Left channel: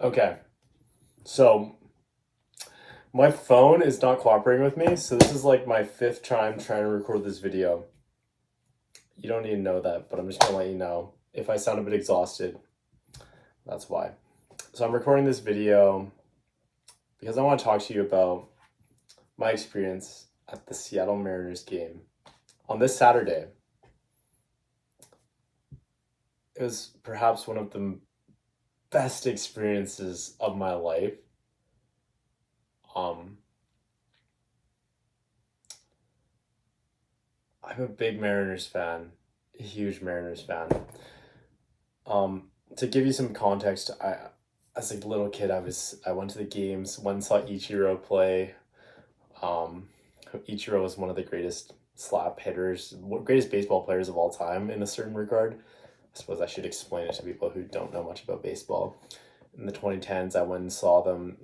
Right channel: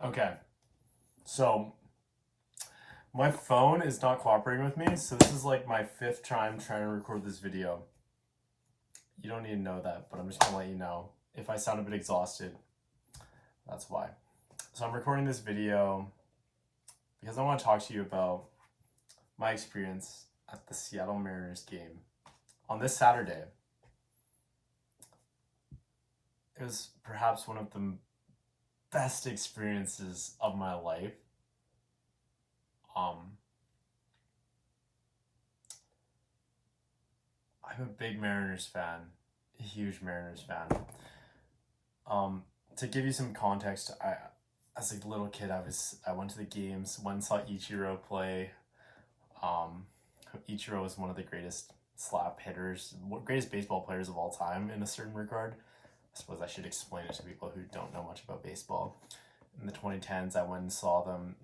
Okay, so my phone is not cooperating with me, so this is like my fifth time trying to record this video. You don't need to know that, but I'm just gonna let you know. If I sound a bit exhausted, that's why. So I'm recording this video because I want to talk to you about my experience at the Seattle Mariners game on this Saturday. It was perhaps one of the best experiences of my life. Um, I'm a big Mariners fan, a huge Mariners fan. To give you some context, as a little kid, I went to the games. One saw Ichiro play. Um, Ichiro was one of the greatest slap hitters, greatest baseball players of all time in a certain regard. I suppose I should explain it to people who don't know much about baseball. In the 2010s, I went and saw them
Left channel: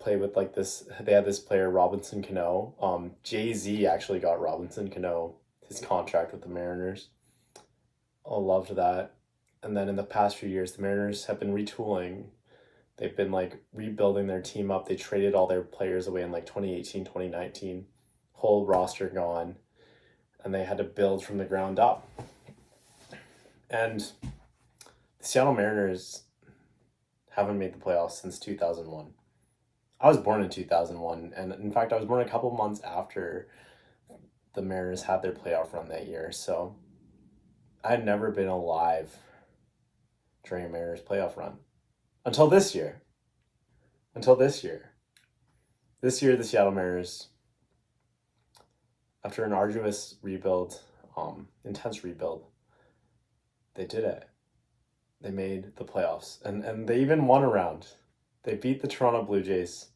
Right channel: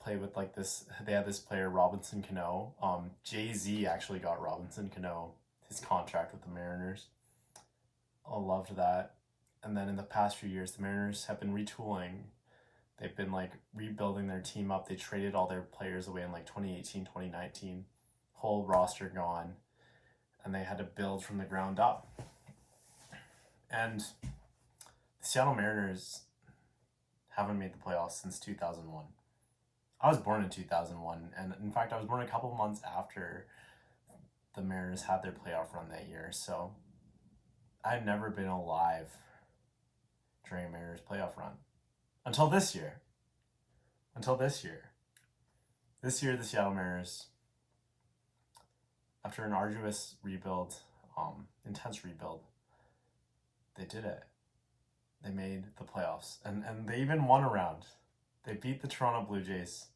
play with like this. They had this player, Robinson Cano. Jay-Z actually got Robinson Cano his contract with the Mariners. I loved that. And then in the past few years, the Mariners have been retooling. They've been like rebuilding their team up. They traded all their players away in like 2018, 2019. Whole roster gone. And they had to build from the ground up. And the Seattle Mariners haven't made the playoffs since 2001. I was born in 2001, and in fact, I was born a couple months after the Mariners had their playoff run that year. So I had never been alive during a Mariners playoff run until this year. Until this year. This year, the Seattle Mariners, after an arduous rebuild, intense rebuild, they did it. They made the playoffs, and they even won a round. They beat the Toronto Blue Jays,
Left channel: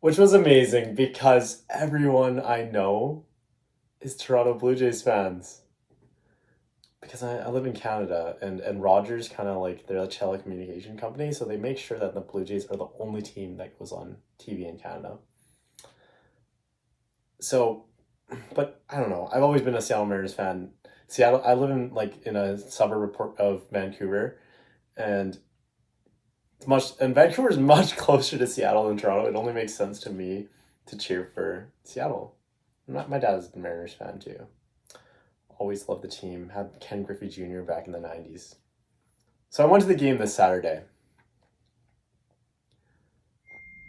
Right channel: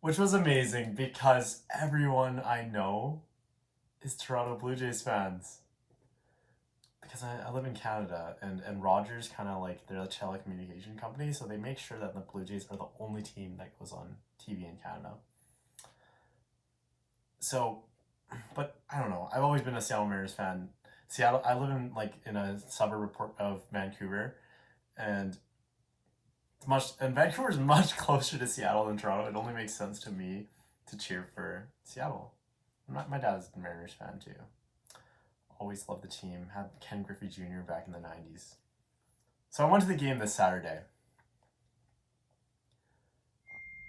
which was amazing because everyone I know is Toronto Blue Jays fans. Because I live in Canada, and Rogers kind of like, they're a telecommunication company, so they make sure that the Blue Jays are the only team that goes on TV in Canada. So, but I don't know. I've always been a Seattle Mariners fan. Seattle, I live in a suburb of Vancouver, and Vancouver is much closer to Seattle than Toronto. It only makes sense to me to cheer for Seattle. My dad is a Mariners fan too. Always loved the team. Had Ken Griffey Jr. back in the 90s. So I went to the game this Saturday.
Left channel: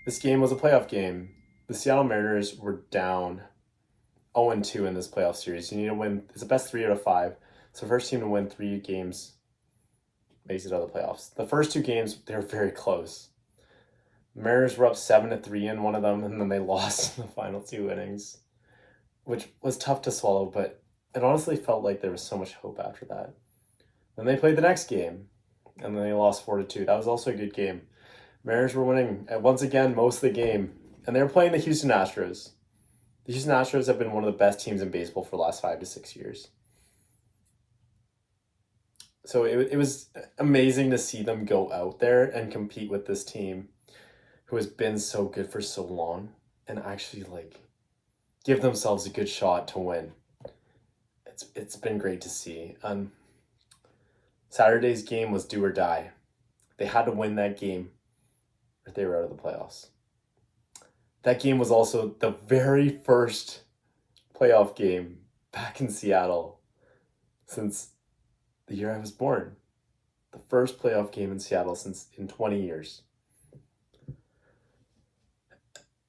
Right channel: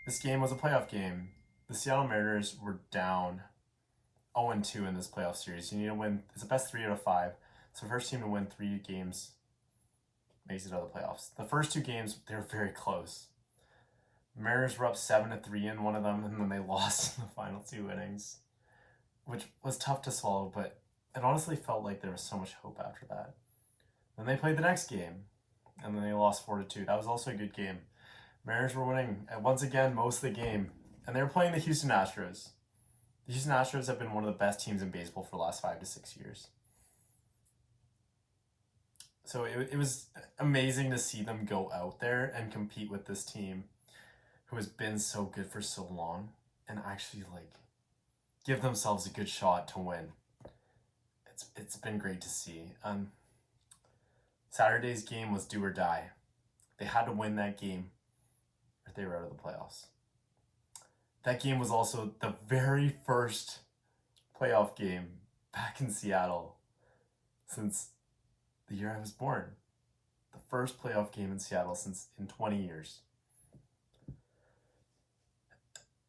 This game was a playoff game. The Seattle Mariners were down 0-2 in this playoff series. You need to win. It's a best 3 out of 5. So first team to win 3 games makes it out of the playoffs. The first 2 games, they were very close. The Mariners were up 7-3 in one of them, and then they lost in the final 2 innings, which was tough to swallow, but it honestly felt like there was so much hope after that. Then they played the next game, and then they lost 4-2. That was also a good game. Mariners were winning once again most of the game, and they were playing the Houston Astros. The Houston Astros have been one of the best teams in baseball for the last 5 to 6 years. So it was amazing to see them go out there and compete with this team who has been so good for so long and actually like give themselves a good shot to win. It's been great to see. Saturday's game was do or die. They had to win that game or they were out of the playoffs. That game was also the very first playoff game back in Seattle since the year I was born. The first playoff game in Seattle since in 20 years.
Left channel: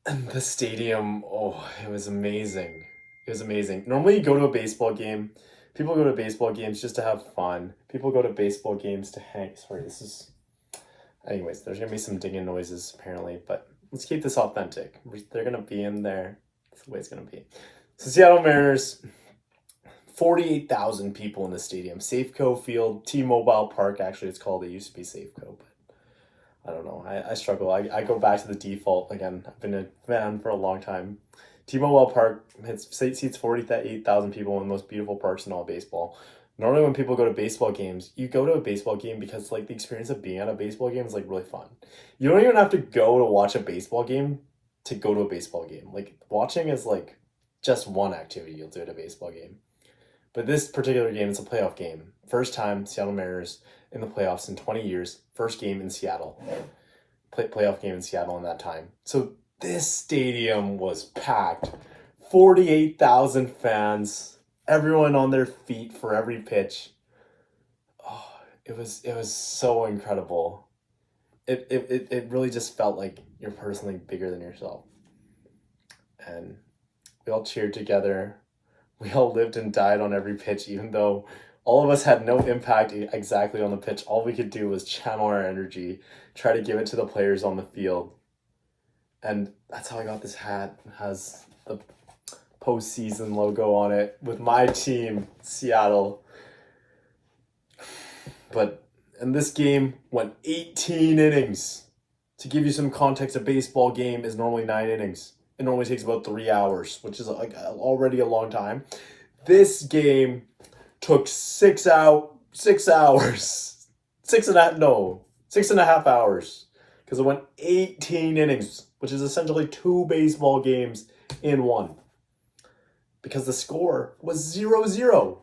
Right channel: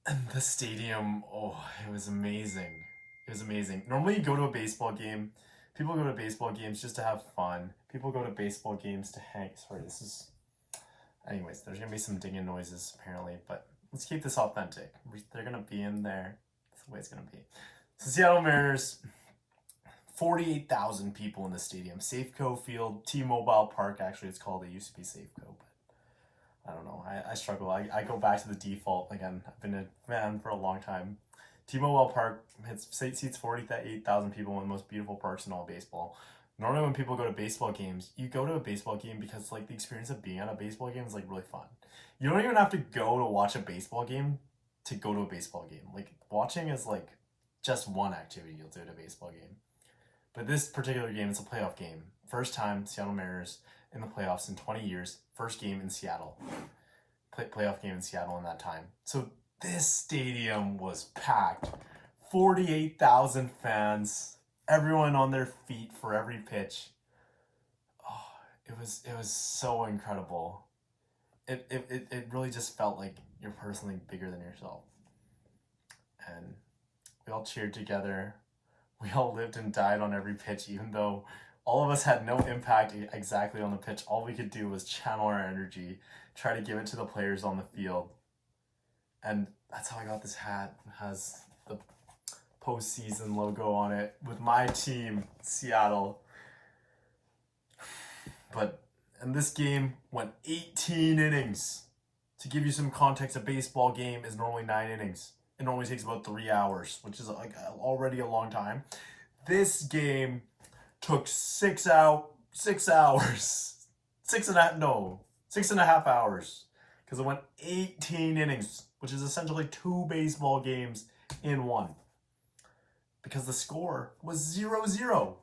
And the stadium, oh, it was amazing. It was amazing. Normally you go to a baseball game. People go to baseball games just to have fun. People go to baseball games to hang. Sorry, this is... Anyways, there's going to be some dinging noises apparently, but let's keep this authentic. They're going to be in there. That's the way it's going to be. So Seattle Mariners, 48,000 people in the stadium. Safeco Field, T-Mobile Park, actually it's called. It used to be Safeco, but I don't know. I struggle. I go back to the default again. I've been a fan for a long time. T-Mobile Park seats 48,000 people, in the most beautiful parks in all baseball. Normally when people go to baseball games, you go to a baseball game because like the experience of being at a baseball game is like really fun. You don't even have to go to watch a baseball game to go to a baseball game. Like watching is like just one activity you'll do at a baseball game. But this particular game is a playoff game. First time Seattle Mariners in the playoffs in 20 years. First game in Seattle. Playoff game in Seattle in that time. So this stadium was packed. 48,000 fans. Everyone on their feet for every pitch. Oh, it was so incredible. It really just felt like you're personally bigger than yourself. And we all cheered together. We all lived and died on every pitch, even though all of us had no impact exactly on the pitch. All we could do was channel our energy, try to give it to the players on the field. And that's how I got this hat. It has the postseason logo on it with my team, Seattle. But and this game went 18 innings. To give you some context, a baseball game is normally 9 innings. It normally takes about 3 hours, which is like already a long time. This game took 6 hours. 6.5 hours. Because it went 18 innings, which is essentially 2 baseball games in one. Because the score was 0-0.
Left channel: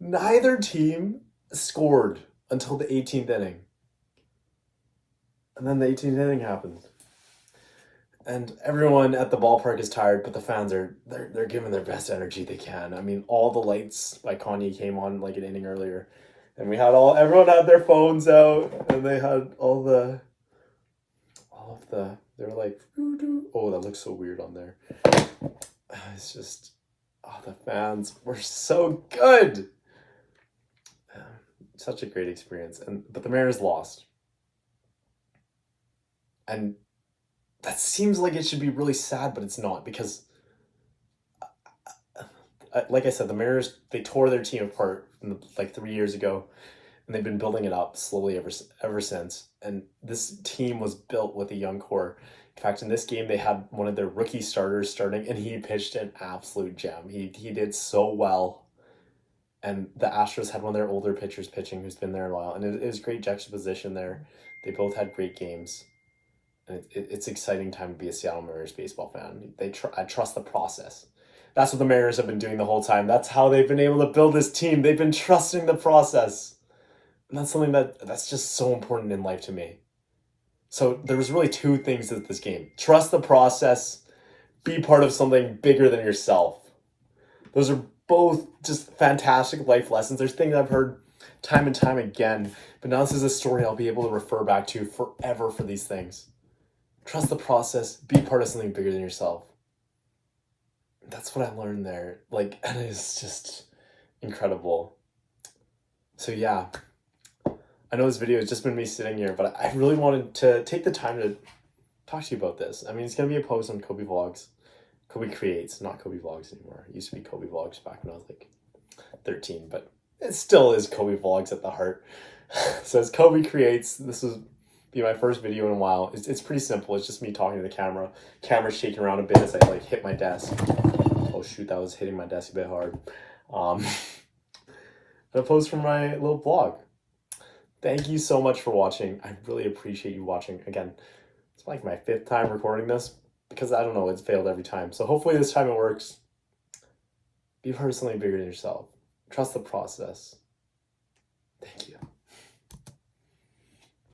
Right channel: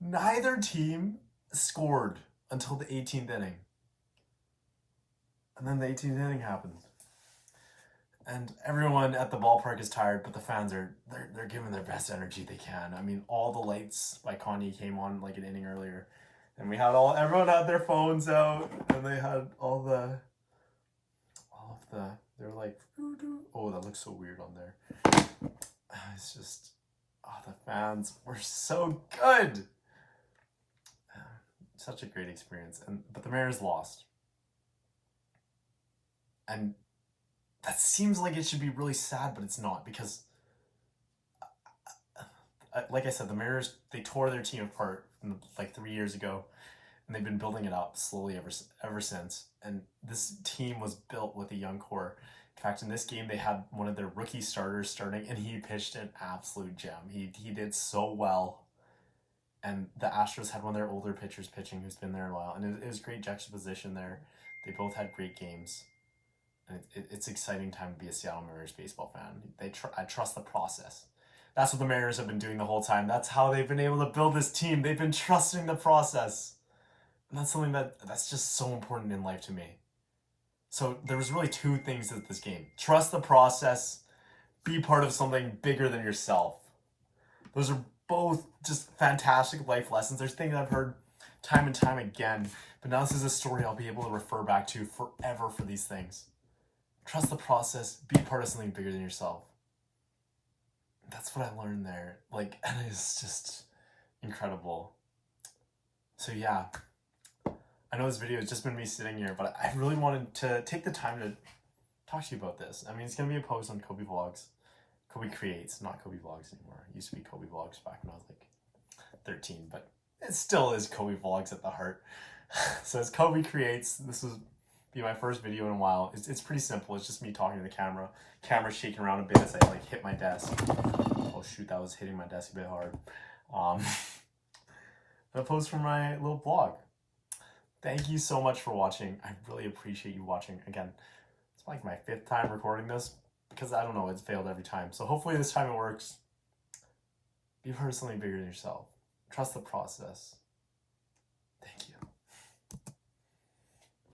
Neither team scored until the 18th inning. And then the 18th inning happened. And everyone at the ballpark is tired, but the fans they're giving their best energy they can. I mean, all the lights by Kanye came on like an inning earlier. And we had everyone had their phones out, and they had they were like, oh, that looks so weird on there. It's just, the fans were so good. Such a great experience. But the Mariners lost. And that seems like it should be really sad, but it's not, because like I said, the Mariners, they tore their team apart like 3 years ago, and they've been building it up slowly ever since. And this team was built with a young core. In fact, in this game, they had one of their rookie starters starting, and he pitched an absolute gem. He did so well. And the Astros had one of their older pitchers pitching who's been there a while. And it was great juxtaposition there. They both had great games. And it's an exciting time to be a Seattle Mariners baseball fan. I trust the process. That's what the Mariners have been doing the whole time. That's how they've been able to build this team. They've been trusting the process. And that's something that's just so important in life to me. So there was really 2 things with this game. Trust the process. Be part of something bigger than yourself. Those are both just fantastic life lessons. There's things I've heard time and time again, but now this is a story I'll be able to refer back to forever for these things. Trust the process. Be part of something bigger than yourself. That's what I learned there. And it's just incredible. So yeah, I know this video has just been me sitting here, but I really wanted to take the time to talk to you about this. I mean, it's going to be a post on Kobe Vlogs. Kobe Creates, not Kobe Vlogs anymore. It used to be Kobe Vlogs back when I was like 13, but it still is Kobe Vlogs at the heart. So it's Kobe Creates. This will be my first video in a while. It's pretty simple. It's just me talking to the camera. Camera's shaking around a bit as I hit my desk. Oh shoot, that was hitting my desk a bit hard. And a post from my little blog. Thank you so much for watching. I really appreciate you watching. Again, it's like my 5th time recording this, because I don't know, it's failed every time. So hopefully this time it works. Be personally bigger than yourself. Trust the process. Thank you.